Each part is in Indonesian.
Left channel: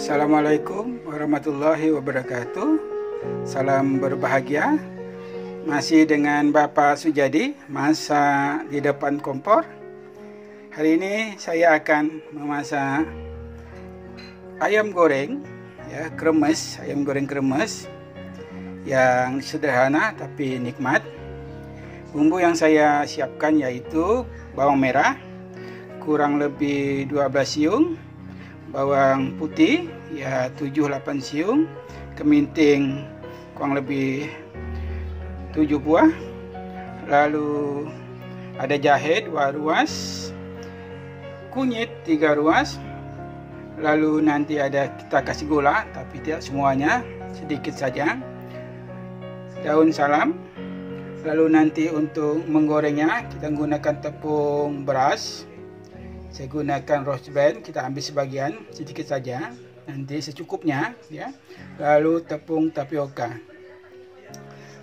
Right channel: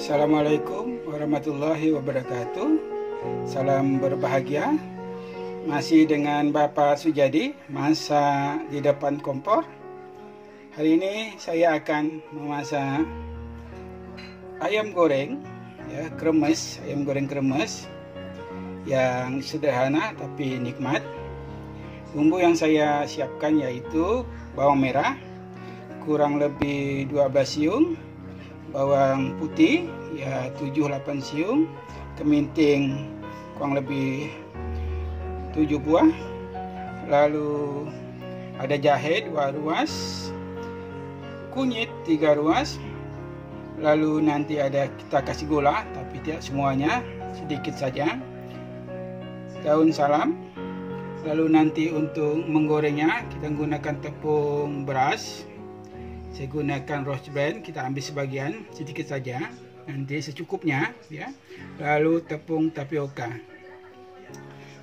Assalamualaikum warahmatullahi wabarakatuh. Salam berbahagia. Masih dengan Bapak Sujadi, masak di depan kompor. Hari ini saya akan memasak ayam goreng, ya, kremes, ayam goreng kremes yang sederhana tapi nikmat. Bumbu yang saya siapkan yaitu bawang merah kurang lebih 12 siung, bawang putih ya 7-8 siung, keminting kurang lebih 7 buah, lalu ada jahe 2 ruas, kunyit 3 ruas, lalu nanti ada kita kasih gula tapi tidak semuanya, sedikit saja, daun salam. Lalu nanti untuk menggorengnya kita gunakan tepung beras. Saya gunakan roast brand, kita ambil sebagian sedikit saja, nanti secukupnya ya. Lalu tepung tapioka.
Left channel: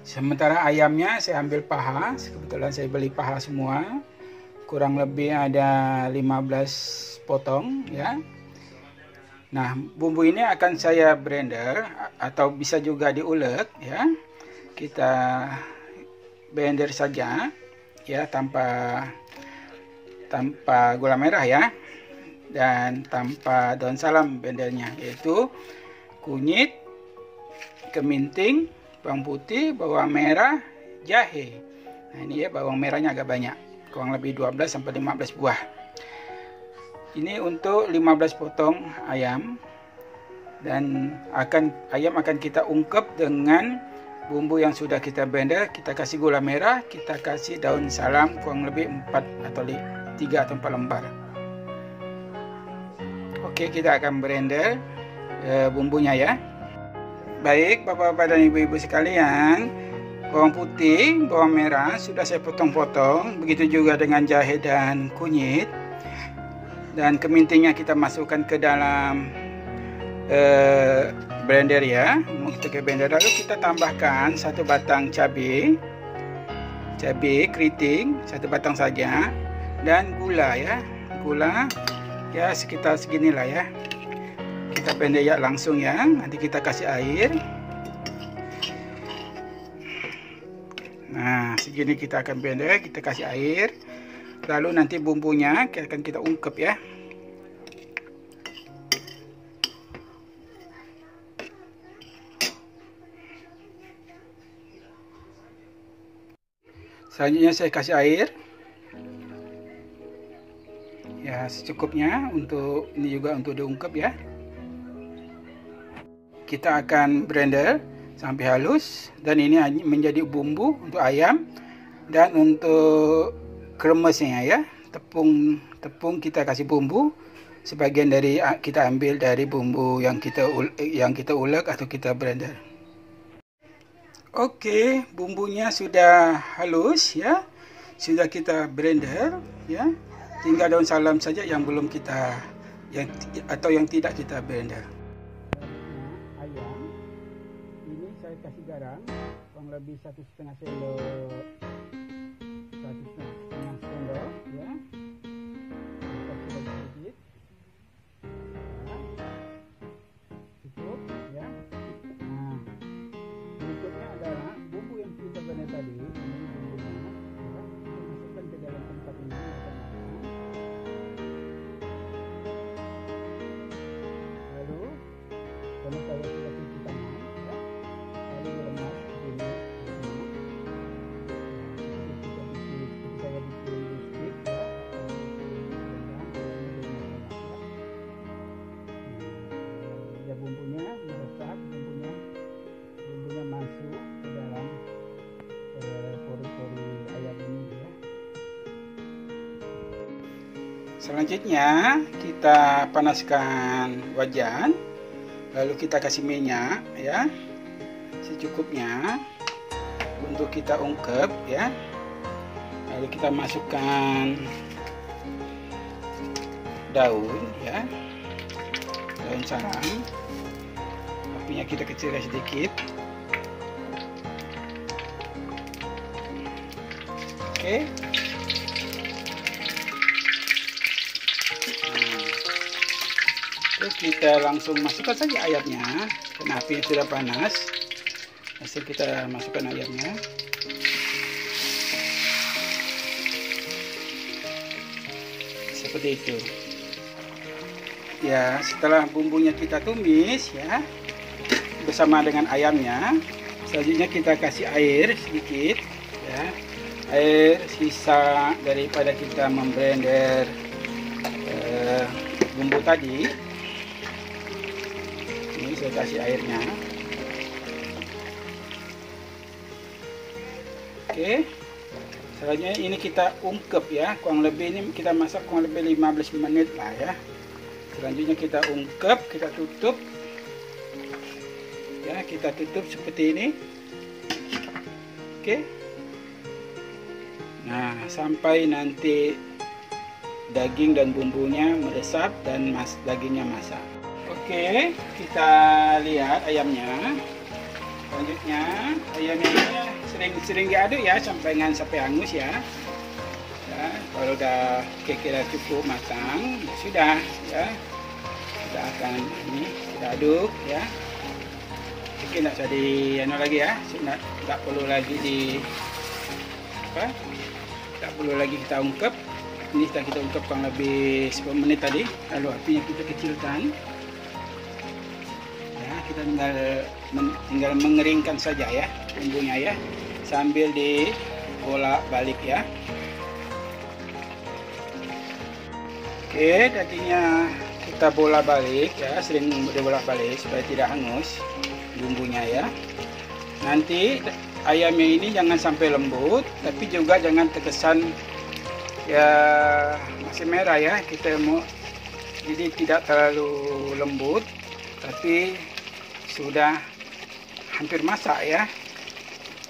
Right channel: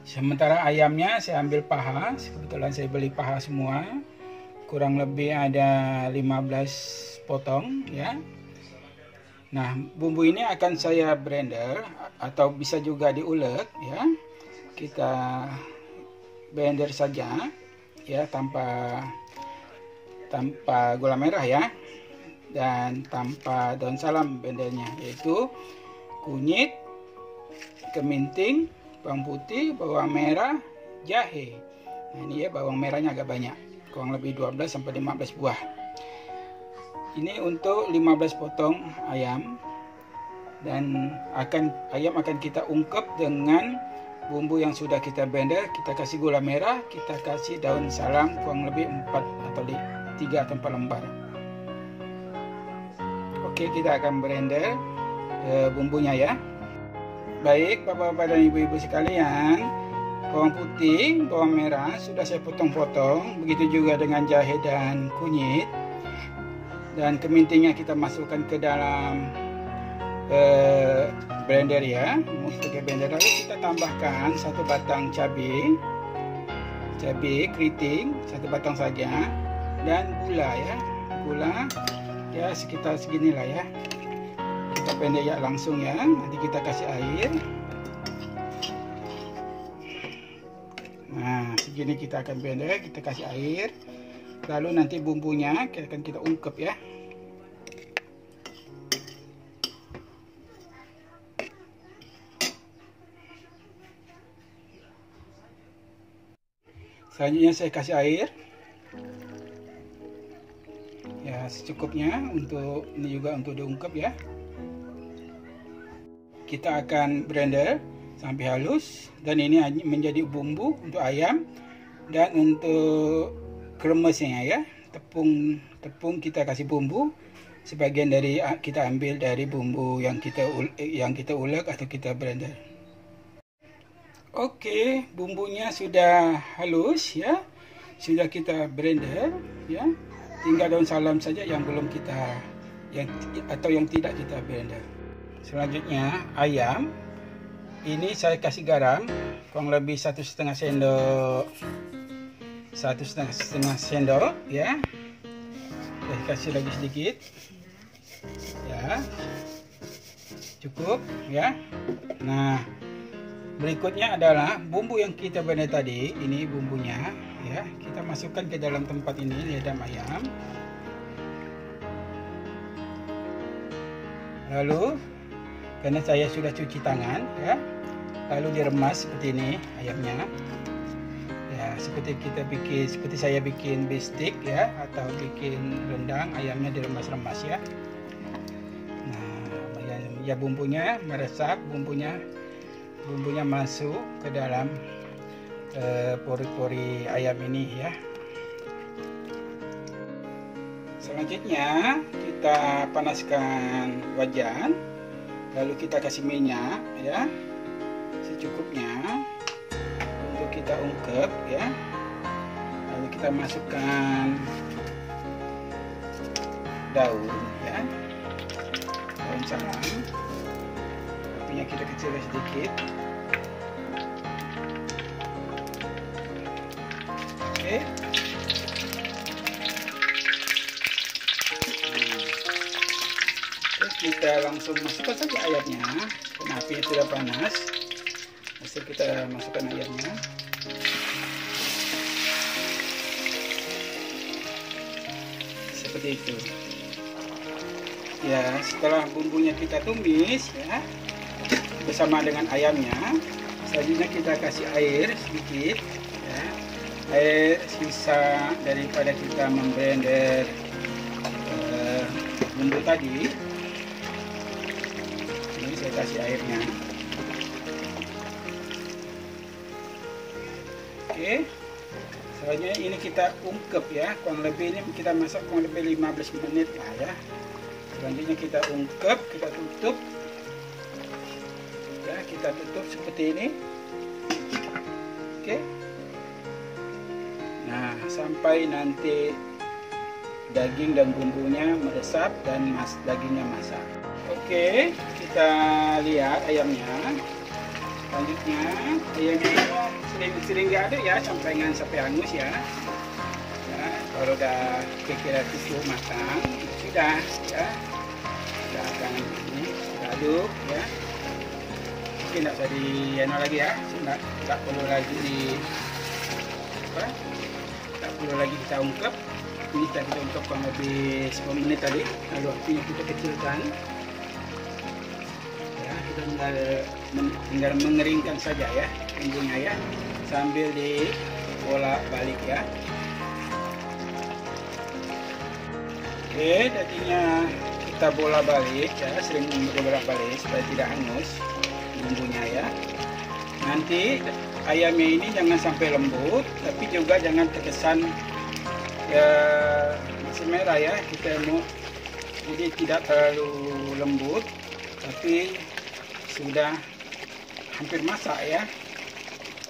Sementara ayamnya saya ambil paha, kebetulan saya beli paha semua. Kurang lebih ada 15 potong ya. Nah, bumbu ini akan saya blender atau bisa juga diulek ya. Kita blender saja ya, tanpa gula merah ya, dan tanpa daun salam blendernya, yaitu kunyit, keminting, bawang putih, bawang merah, jahe. Nah ini ya, bawang merahnya agak banyak, kurang lebih 12-15 buah. Ini untuk 15 potong ayam, dan ayam akan kita ungkep dengan bumbu yang sudah kita blender. Kita kasih gula merah, kita kasih daun salam kurang lebih 4 atau 3 atau 4 lembar. Oke, kita akan blender bumbunya ya. Baik Bapak-bapak dan Ibu-ibu sekalian, bawang putih, bawang merah sudah saya potong-potong, begitu juga dengan jahe dan kunyit. Dan kemintingnya kita masukkan ke dalam blender ya, ke blender. Lalu kita tambahkan 1 batang cabai keriting, 1 batang saja, dan gula ya, gula ya sekitar seginilah ya. Kita blender ya langsung ya. Nanti kita kasih air. Nah segini kita akan blender, kita kasih air. Lalu nanti bumbunya akan kita ungkep ya. Selanjutnya saya kasih air ya secukupnya, untuk ini juga untuk diungkep ya. Kita akan blender sampai halus, dan ini menjadi bumbu untuk ayam. Dan untuk kremesnya ya, tepung kita kasih bumbu, sebagian dari kita ambil dari bumbu yang kita ulek atau kita blender. Oke, bumbunya sudah halus ya, sudah kita blender ya. Tinggal daun salam saja yang belum kita yang tidak kita blender. Selanjutnya ayam ini saya kasih garam kurang lebih 1,5 sendok, 1,5 sendok ya. Saya kasih lagi sedikit ya, cukup ya. Nah berikutnya adalah bumbu yang kita blender tadi. Ini bumbunya ya, kita masukkan ke dalam tempat ini, lidah ayam. Lalu karena saya sudah cuci tangan ya, lalu diremas seperti ini ayamnya ya, seperti saya bikin bistik ya, atau bikin rendang, ayamnya diremas-remas ya. Nah ya, bumbunya meresap, bumbunya masuk ke dalam pori-pori ayam ini ya. Selanjutnya kita panaskan wajan, lalu kita kasih minyak ya secukupnya untuk kita ungkep ya. Lalu kita masukkan daun ya, daun salam, apinya kita kecilkan sedikit. Oke. Terus kita langsung masukkan saja ayamnya, karena api sudah panas. Langsung kita masukkan ayamnya. Seperti itu. Ya, setelah bumbunya kita tumis ya bersama dengan ayamnya, selanjutnya kita kasih air sedikit ya. Air sisa daripada kita memblender bumbu tadi. Ini saya kasih airnya. Oke. Selanjutnya ini kita ungkep ya, kurang lebih ini kita masak kurang lebih 15 menit lah ya. Selanjutnya kita ungkep, kita tutup. Ya, kita tutup seperti ini. Oke. Nah, sampai nanti daging dan bumbunya meresap dan dagingnya masak. Oke, kita lihat ayamnya. Selanjutnya ayamnya sering diaduk ya sampai hangus ya. Ya, kalau udah kira-kira cukup matang, sudah ya. Kita akan ini kita aduk ya. Mungkin tidak usah lagi ya, tidak perlu lagi tak perlu lagi kita ungkep. Ini kita ungkep kurang lebih 10 menit tadi, lalu apinya kita kecilkan ya, kita tinggal mengeringkan saja ya bumbunya ya, sambil dibolak balik ya. Oke, dagingnya kita bolak balik ya, sering bolak balik supaya tidak hangus bumbunya ya. Nanti ayamnya ini jangan sampai lembut, tapi juga jangan terkesan ya masih merah ya. Kita mau jadi tidak terlalu lembut, tapi sudah hampir masak ya.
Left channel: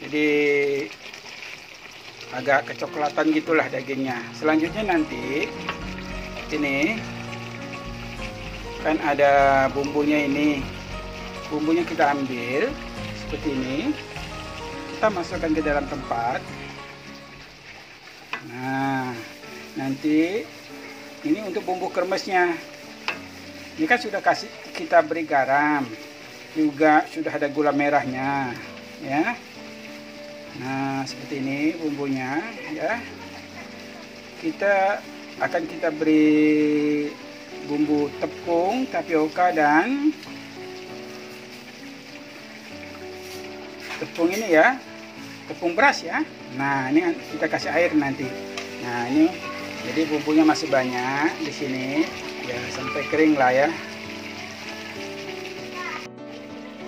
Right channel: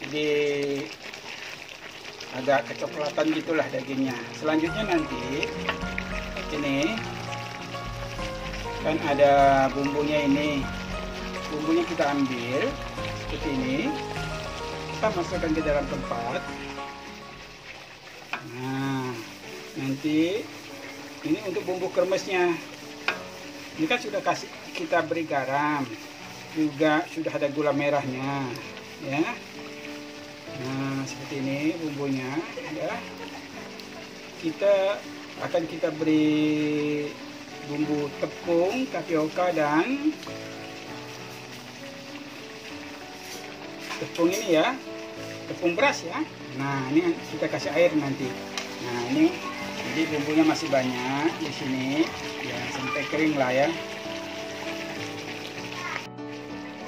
Jadi agak kecoklatan gitulah dagingnya. Selanjutnya nanti ini kan ada bumbunya ini. Bumbunya kita ambil seperti ini. Kita masukkan ke dalam tempat. Nah, nanti ini untuk bumbu kremesnya. Ini kan sudah kita beri garam, juga sudah ada gula merahnya, ya. Nah, seperti ini bumbunya, ya. Kita beri bumbu tepung, tapioka dan tepung ini ya, tepung beras ya. Nah, ini kita kasih air nanti. Nah, ini jadi bumbunya masih banyak di sini ya, sampai kering lah ya.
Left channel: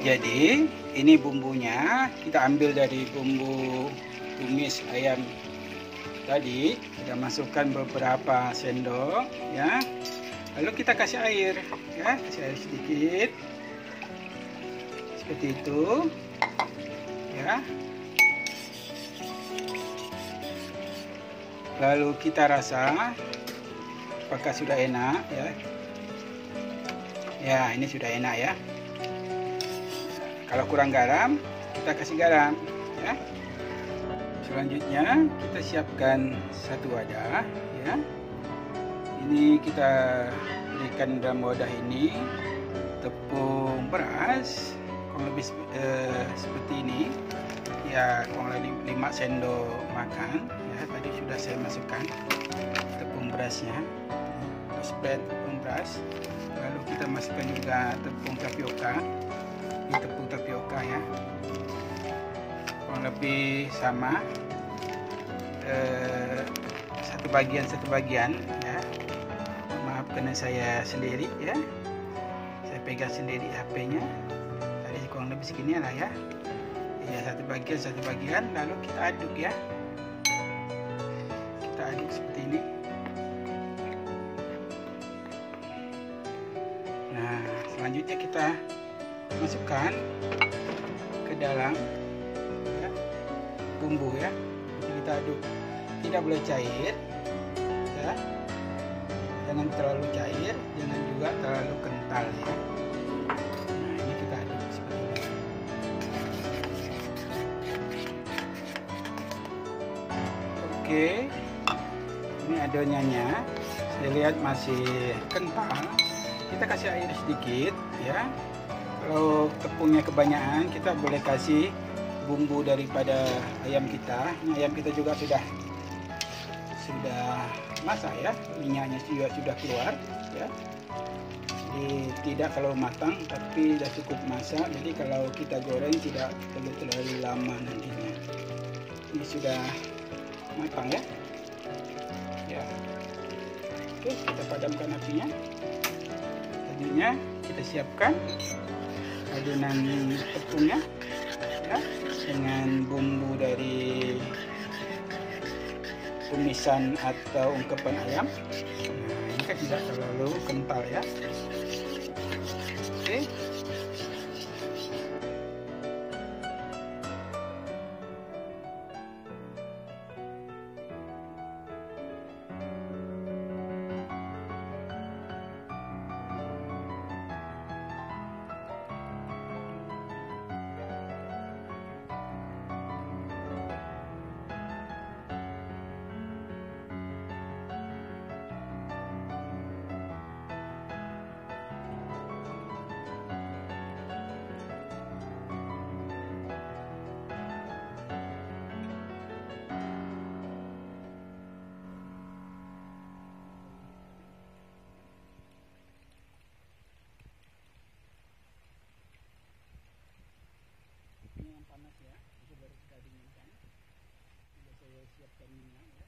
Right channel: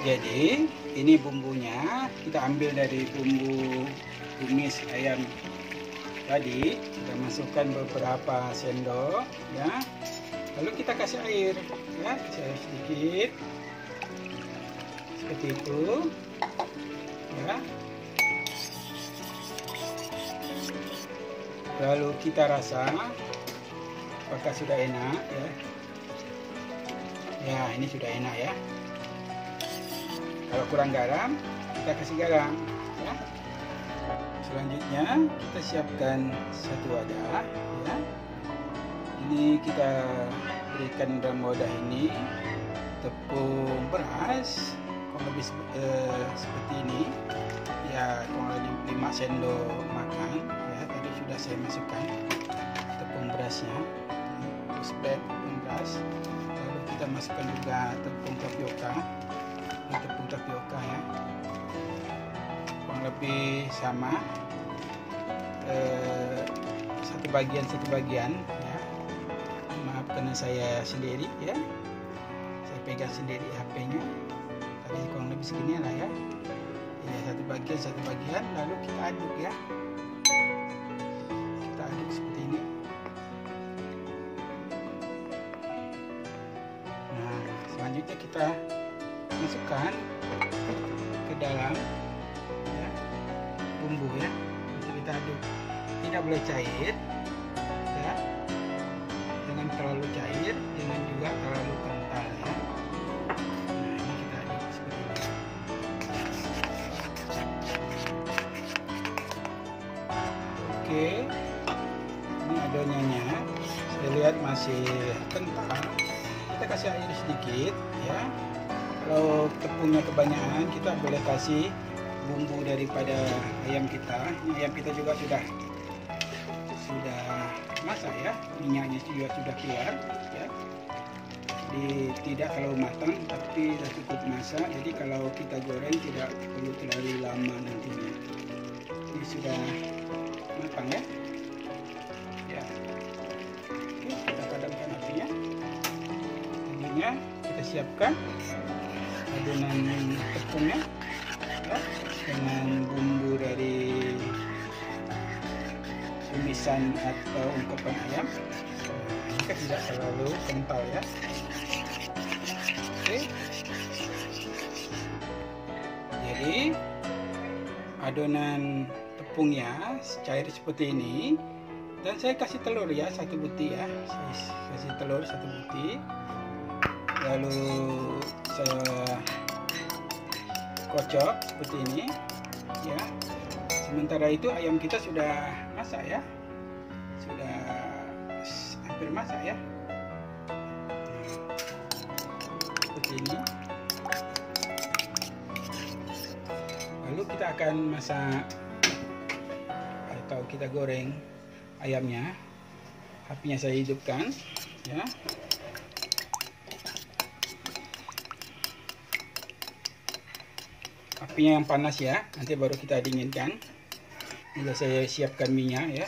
Jadi ini bumbunya kita ambil dari bumbu tumis ayam tadi, kita masukkan beberapa sendok ya. Lalu kita kasih air ya, kasih air sedikit seperti itu ya. Lalu kita rasa apakah sudah enak ya. Ya, ini sudah enak ya. Kalau kurang garam, kita kasih garam ya. Selanjutnya kita siapkan satu wadah ya. Ini kita berikan dalam wadah ini tepung beras kurang lebih seperti ini ya, kurang lebih 5 sendok makan ya. Tadi sudah saya masukkan tepung berasnya ya, spread tepung beras. Lalu kita masukkan juga tepung tapioka. Ini tepung tapioka ya, kurang lebih sama satu bagian ya. Maaf karena saya sendiri ya, saya pegang sendiri HP-nya. Tadi kurang lebih segini lah ya. Ya, satu bagian lalu kita aduk ya. Kita aduk seperti ini. Nah, selanjutnya kita masukkan ke dalam ya, bumbu ya. Nanti kita aduk, tidak boleh cair ya, jangan terlalu cair, jangan juga terlalu kental ya. Nah, ini kita aduk seperti ini. Oke, ini adonannya saya lihat masih kental. kita kasih air sedikit ya. Kalau tepungnya kebanyakan, kita boleh kasih bumbu daripada ayam kita. Ini ayam kita juga sudah masak ya, minyaknya juga sudah keluar ya. Jadi tidak terlalu matang, tapi sudah cukup masak. Jadi kalau kita goreng tidak perlu terlalu lama nantinya. Ini sudah matang ya. Ya. Oke, kita padamkan apinya. Selanjutnya kita siapkan adonan tepungnya ya, dengan bumbu dari tumisan atau ungkapan ayam. Ini kan tidak terlalu kental ya. Oke. Jadi adonan tepungnya cair seperti ini, dan saya kasih telur ya, 1 butir ya. Kasih telur 1 butir. Lalu saya kocok seperti ini ya. Sementara itu ayam kita sudah masak ya, sudah hampir masak ya, seperti ini. Lalu kita akan masak atau kita goreng ayamnya. Apinya saya hidupkan ya. Apinya yang panas ya, nanti baru kita dinginkan. Sudah saya siapkan minyak ya.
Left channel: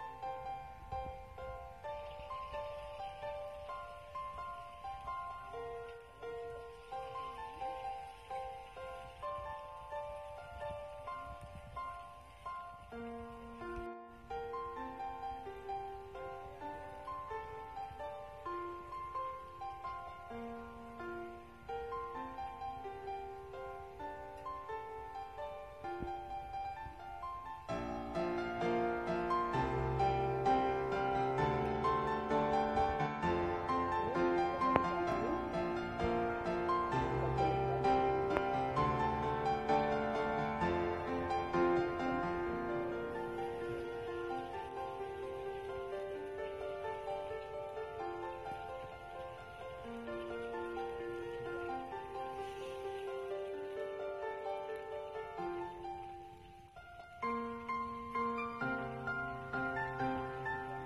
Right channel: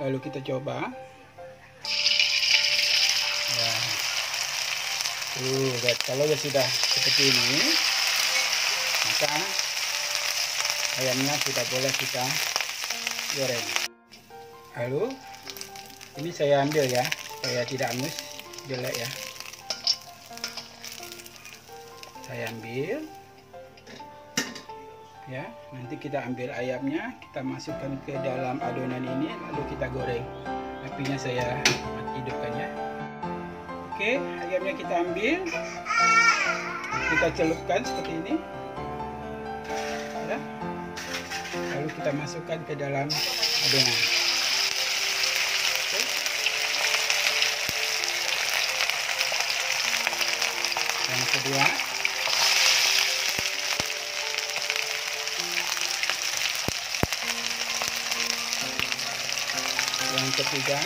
Lalu kita coba ya. Kalau sudah seperti ini, maka ayamnya sudah boleh kita goreng. Lalu ini saya ambil ya, supaya tidak hangus jelek ya. Saya ambil ya, nanti kita ambil ayamnya, kita masukkan ke dalam adonan ini, lalu kita goreng. Apinya saya hidupkan ya. Oke, ayamnya kita ambil, kita celupkan seperti ini ya. Lalu kita masukkan ke dalam adonan. Yang kedua, yang ketiga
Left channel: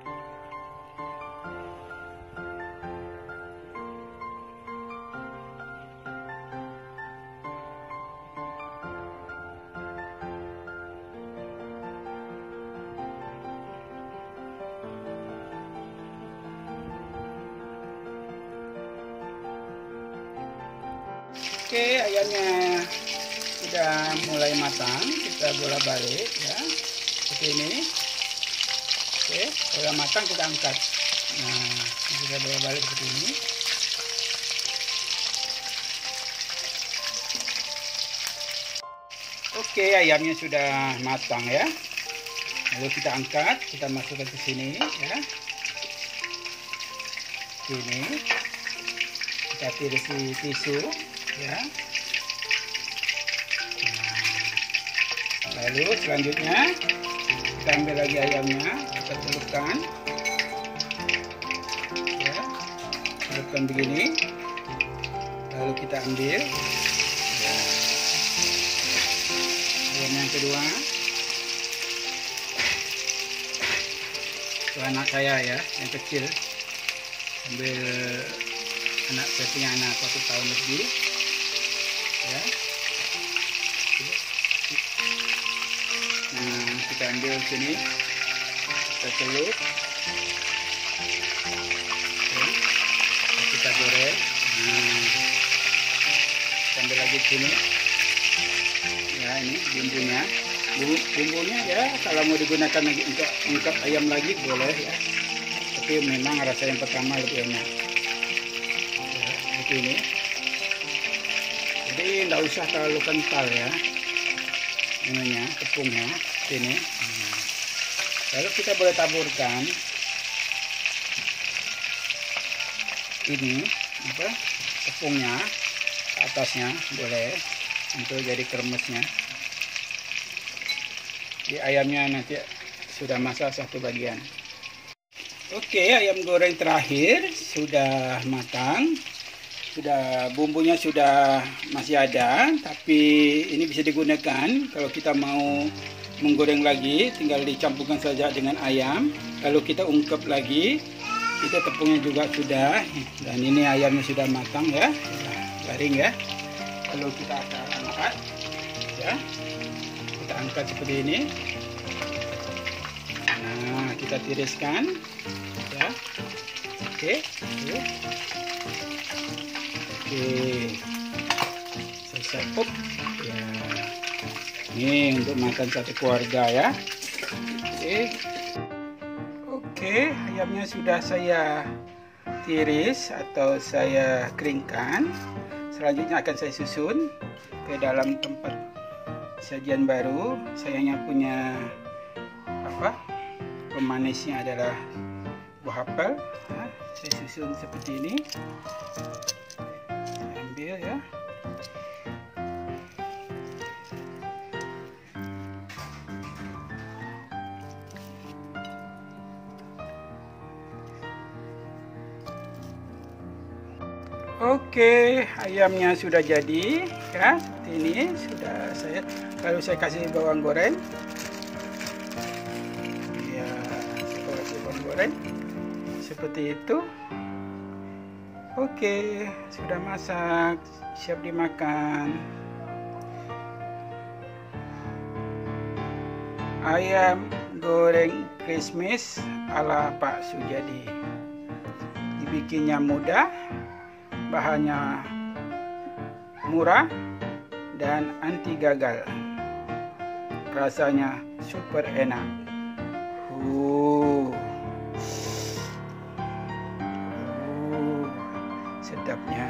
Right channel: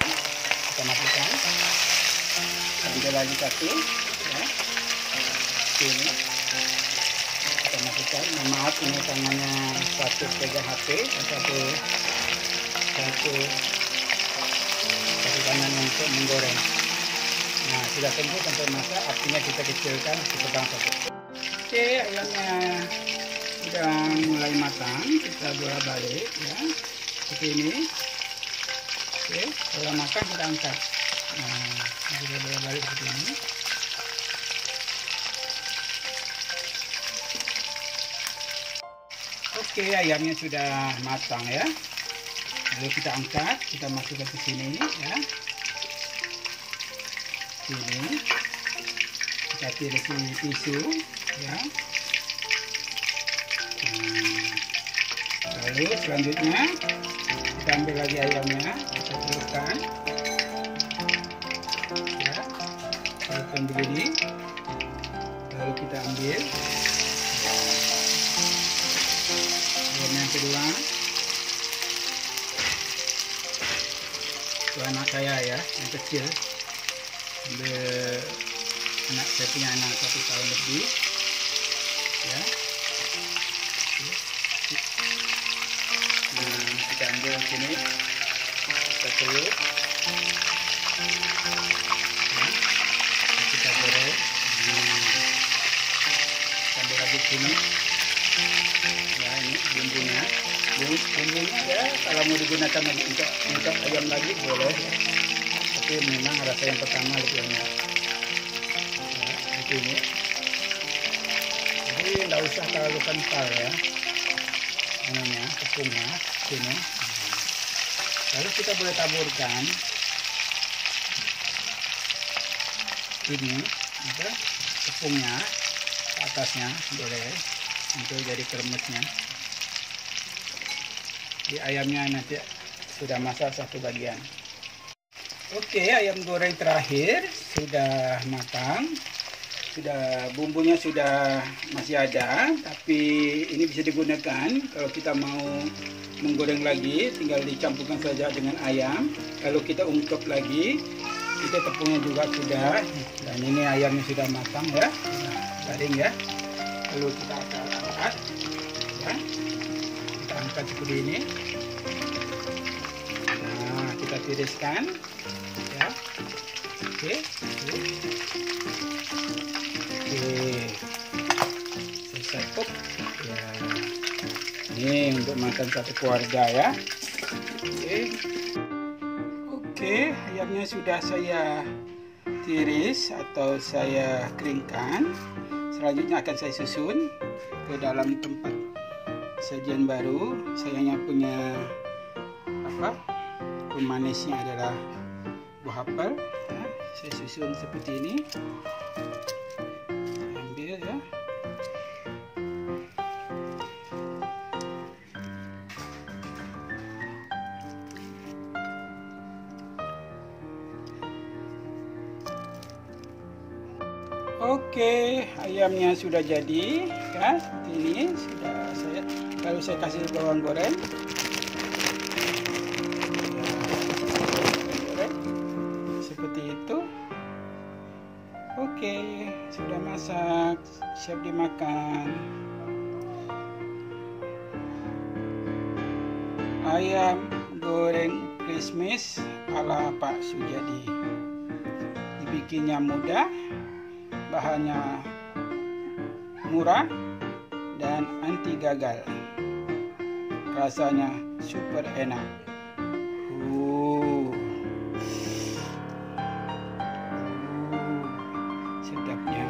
kita masukkan, ambil lagi 1 ya. Ini kita masukkan. Maaf, ini tangannya satu pegang HP, satu tangan untuk menggoreng. Nah, sudah tunggu sampai masak, apinya kita kecilkan sedang saja. Oke, ayamnya sudah mulai matang, kita bolak-balik ya, seperti ini. Oke, kalau matang kita angkat. Nah, kita bolak-balik seperti ini. Oke, ayamnya sudah matang ya. Lalu kita angkat, kita masukkan ke sini ya. Sini kita pilih tisu ya. Lalu selanjutnya kita ambil lagi ayamnya, kita celupkan ya, celupkan begini. Lalu kita ambil ayam yang kedua. Itu anak saya ya, yang kecil. Ambil saya punya anak 1 tahun lebih ya. Nah, kita ambil sini, kita celup ya, kita goreng. Kita ambil lagi sini ya, ini bumbunya ya. Kalau mau digunakan lagi untuk ayam lagi boleh ya, tapi memang rasa yang pertama lebih enak ya, seperti ini. Jadi nggak usah terlalu kental ya ininya, tepungnya sini. Lalu kita boleh taburkan ini apa, tepungnya ke atasnya, boleh untuk jadi kremesnya. Di ayamnya nanti sudah masak satu bagian. Oke, ayam goreng terakhir sudah matang. Sudah bumbunya sudah masih ada, tapi ini bisa digunakan kalau kita mau menggoreng lagi, tinggal dicampurkan saja dengan ayam. Lalu kita ungkep lagi. Kita tepungnya juga sudah, dan ini ayamnya sudah matang ya, sudah garing ya. Lalu kita akan angkat ya, kita angkat seperti ini. Nah, kita tiriskan ya. Oke, saya setup ya. Ini untuk makan satu keluarga ya. Oke, ayamnya sudah saya tiris atau saya keringkan. Selanjutnya akan saya susun ke dalam tempat sajian baru. Saya punya pemanisnya adalah buah apel. Ya, saya susun seperti ini. Saya ambil ya. Oke, ayamnya sudah jadi ya, seperti ini sudah saya. Lalu saya kasih bawang goreng. Ya, bawang goreng seperti itu. Oke, sudah masak, siap dimakan. Ayam goreng Christmas ala Pak Sujadi. Dibikinnya mudah. Bahannya murah dan anti gagal. Rasanya super enak. Sedapnya.